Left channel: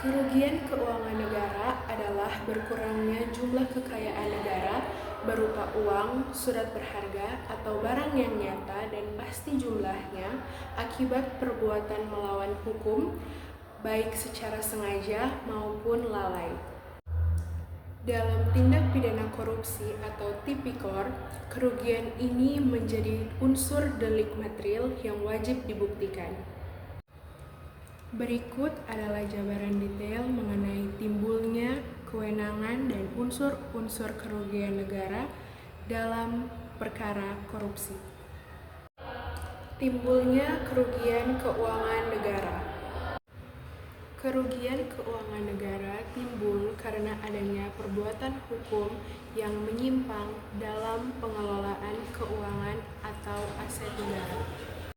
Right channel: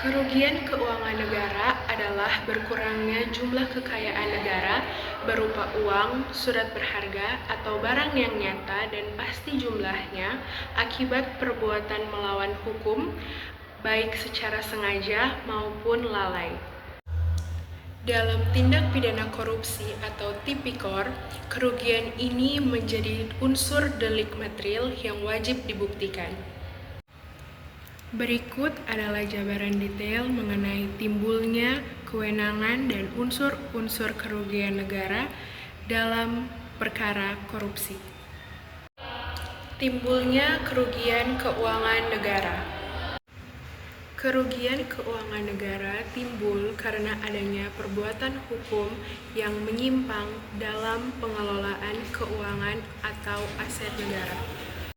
Kerugian keuangan negara adalah berkurangnya jumlah kekayaan negara berupa uang, surat berharga, atau barang yang nyata dan pasti jumlahnya akibat perbuatan melawan hukum, baik secara sengaja maupun lalai. Dalam tindak pidana korupsi atau tipikor, kerugian ini menjadi unsur delik material yang wajib dibuktikan. Berikut adalah jabaran detail mengenai timbulnya kewenangan dan unsur-unsur kerugian negara dalam perkara korupsi. Timbulnya kerugian keuangan negara. Kerugian keuangan negara timbul karena adanya perbuatan hukum yang menyimpang dalam pengelolaan keuangan atau aset negara.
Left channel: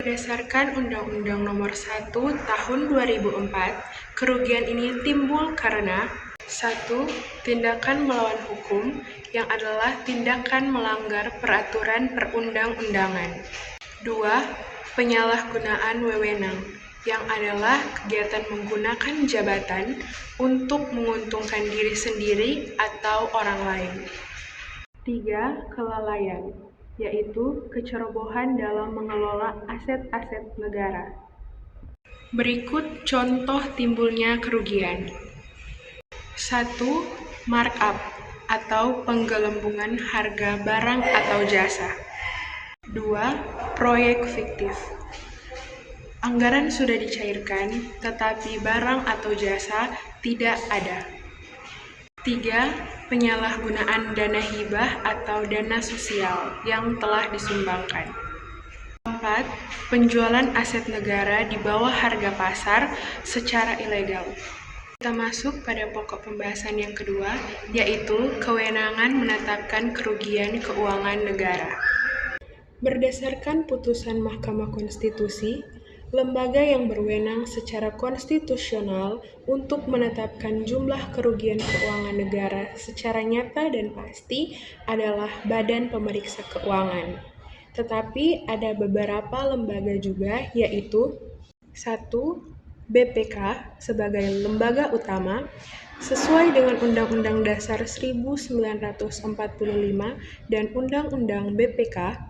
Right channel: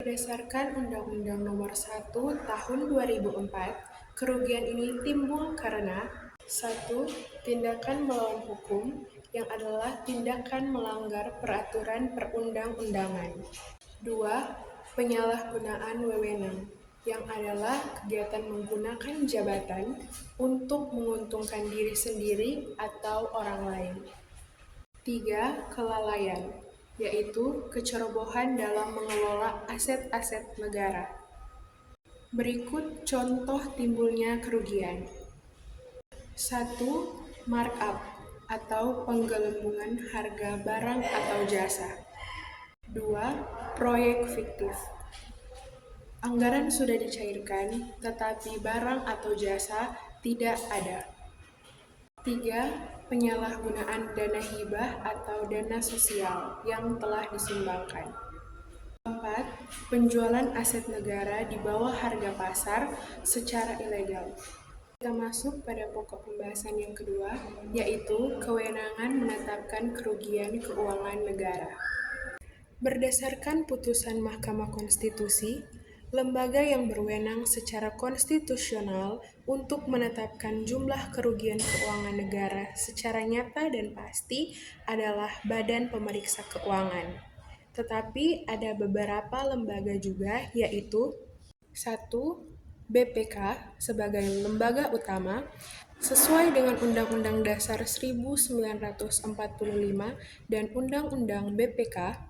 Berdasarkan Undang-Undang Nomor 1 Tahun 2004, kerugian ini timbul karena 1. Tindakan melawan hukum yang adalah tindakan melanggar peraturan perundang-undangan. 2. Penyalahgunaan wewenang yang adalah kegiatan menggunakan jabatan untuk menguntungkan diri sendiri atau orang lain. 3. Kelalaian, yaitu kecerobohan dalam mengelola aset-aset negara. Berikut contoh timbulnya kerugian. 1. Markup atau penggelembungan harga barang atau jasa. 2. Proyek fiktif. Anggaran sudah dicairkan, tetapi barang atau jasa tidak ada. 3. Penyalahgunaan dana hibah atau dana sosial yang telah disumbangkan. 4. Penjualan aset negara di bawah harga pasar secara ilegal. Kita masuk pada pokok pembahasan yang kedua, yaitu kewenangan menetapkan kerugian keuangan negara. Berdasarkan putusan Mahkamah Konstitusi, lembaga yang berwenang secara konstitusional untuk menetapkan jumlah kerugian keuangan negara secara nyata dan pasti adalah Badan Pemeriksa Keuangan. Tetapi ada beberapa lembaga juga, yaitu 1. BPK sebagai lembaga utama sesuai dengan Undang-Undang Dasar 1945 dan Undang-Undang BPK.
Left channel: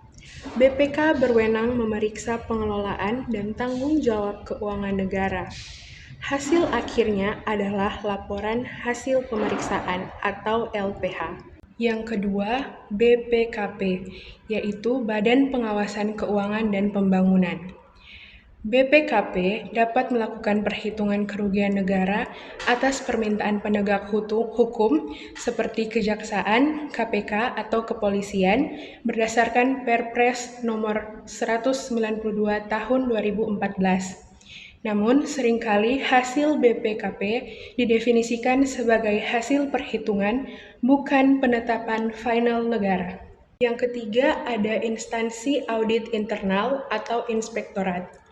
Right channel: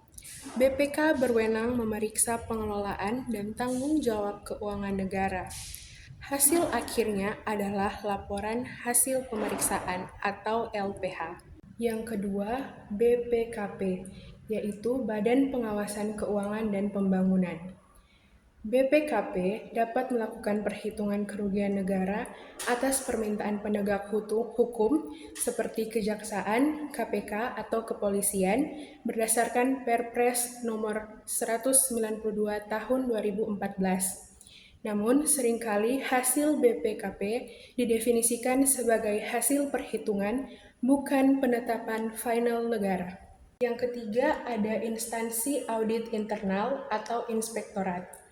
BPK berwenang memeriksa pengelolaan dan tanggung jawab keuangan negara. Hasil akhirnya adalah laporan hasil pemeriksaan atau LPH. Yang kedua, BPKP, yaitu Badan Pengawasan Keuangan dan Pembangunan. BPKP dapat melakukan perhitungan kerugian negara atas permintaan penegak hukum seperti Kejaksaan, KPK, atau Kepolisian berdasarkan Perpres Nomor 192 Tahun 2014. Namun, seringkali hasil BPKP didefinisikan sebagai hasil perhitungan, bukan penetapan final negara. Yang ketiga, ada instansi audit internal atau inspektorat.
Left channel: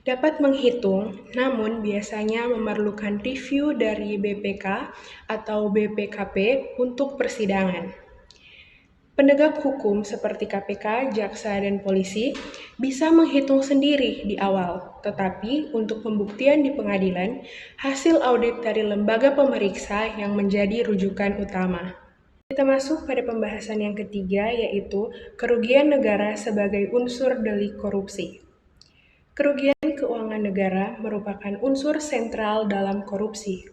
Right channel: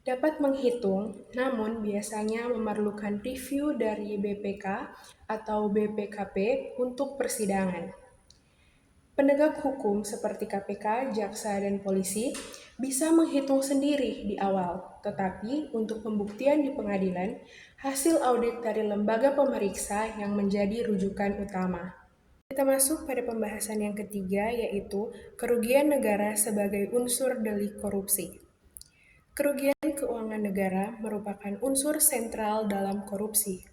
Dapat menghitung, namun biasanya memerlukan review dari BPK atau BPKP untuk persidangan. Penegak hukum seperti KPK, jaksa, dan polisi bisa menghitung sendiri di awal, tetapi untuk pembuktian di pengadilan, hasil audit dari lembaga pemeriksa yang menjadi rujukan utama. Kita masuk pada pembahasan yang ketiga, yaitu kerugian negara sebagai unsur delik korupsi. Kerugian keuangan negara merupakan unsur sentral dalam korupsi.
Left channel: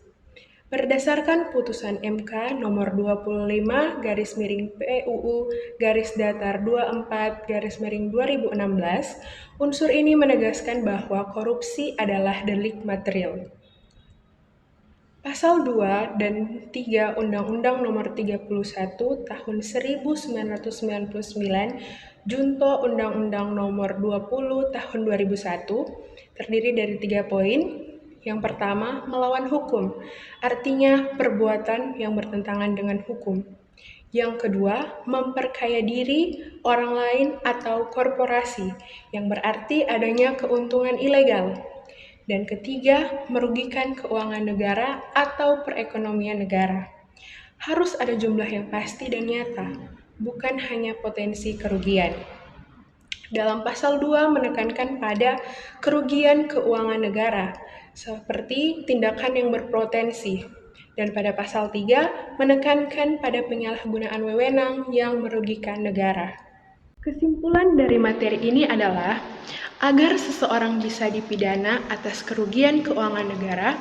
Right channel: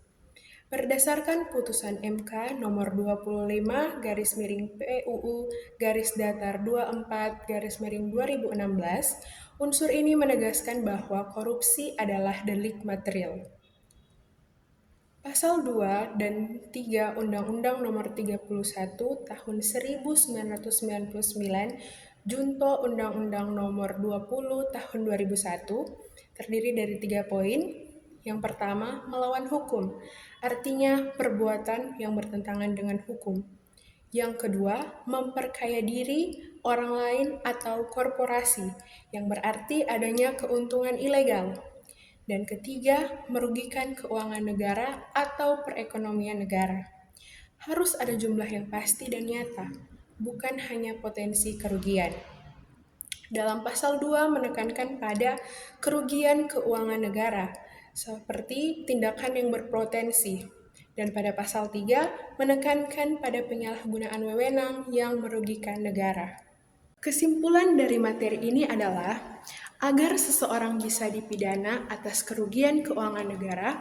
Berdasarkan putusan MK nomor 25/PUU-24/2016, unsur ini menegaskan bahwa korupsi adalah delik material. Pasal 2 dan 3 Undang-Undang Nomor 31 Tahun 1999 Junto Undang-Undang Nomor 20 Tahun 2001 terdiri dari 3 poin. Yang pertama, melawan hukum, artinya perbuatan yang bertentangan dengan hukum. Yang kedua, memperkaya diri, orang lain, atau korporasi, yang berarti adanya keuntungan ilegal. Dan ketiga, merugikan keuangan negara atau perekonomian negara. Harus ada jumlah yang pasti dan nyata, bukan hanya potensi kerugian. Dalam pasal 2 menekankan pada kerugian keuangan negara seperti tindakan yang berpotensi. Dan pada pasal 3 menekankan pada penyalahgunaan wewenang yang merugikan negara. Kesimpulan dari materi ini adalah, agar seseorang bisa dipidana atas kerugian keuangan negara,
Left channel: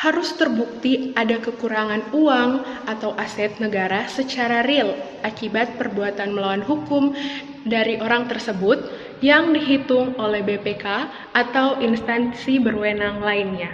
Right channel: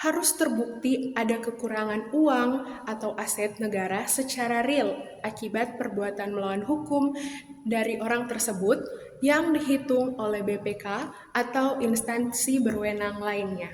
harus terbukti ada kekurangan uang atau aset negara secara real akibat perbuatan melawan hukum dari orang tersebut yang dihitung oleh BPK atau instansi berwenang lainnya.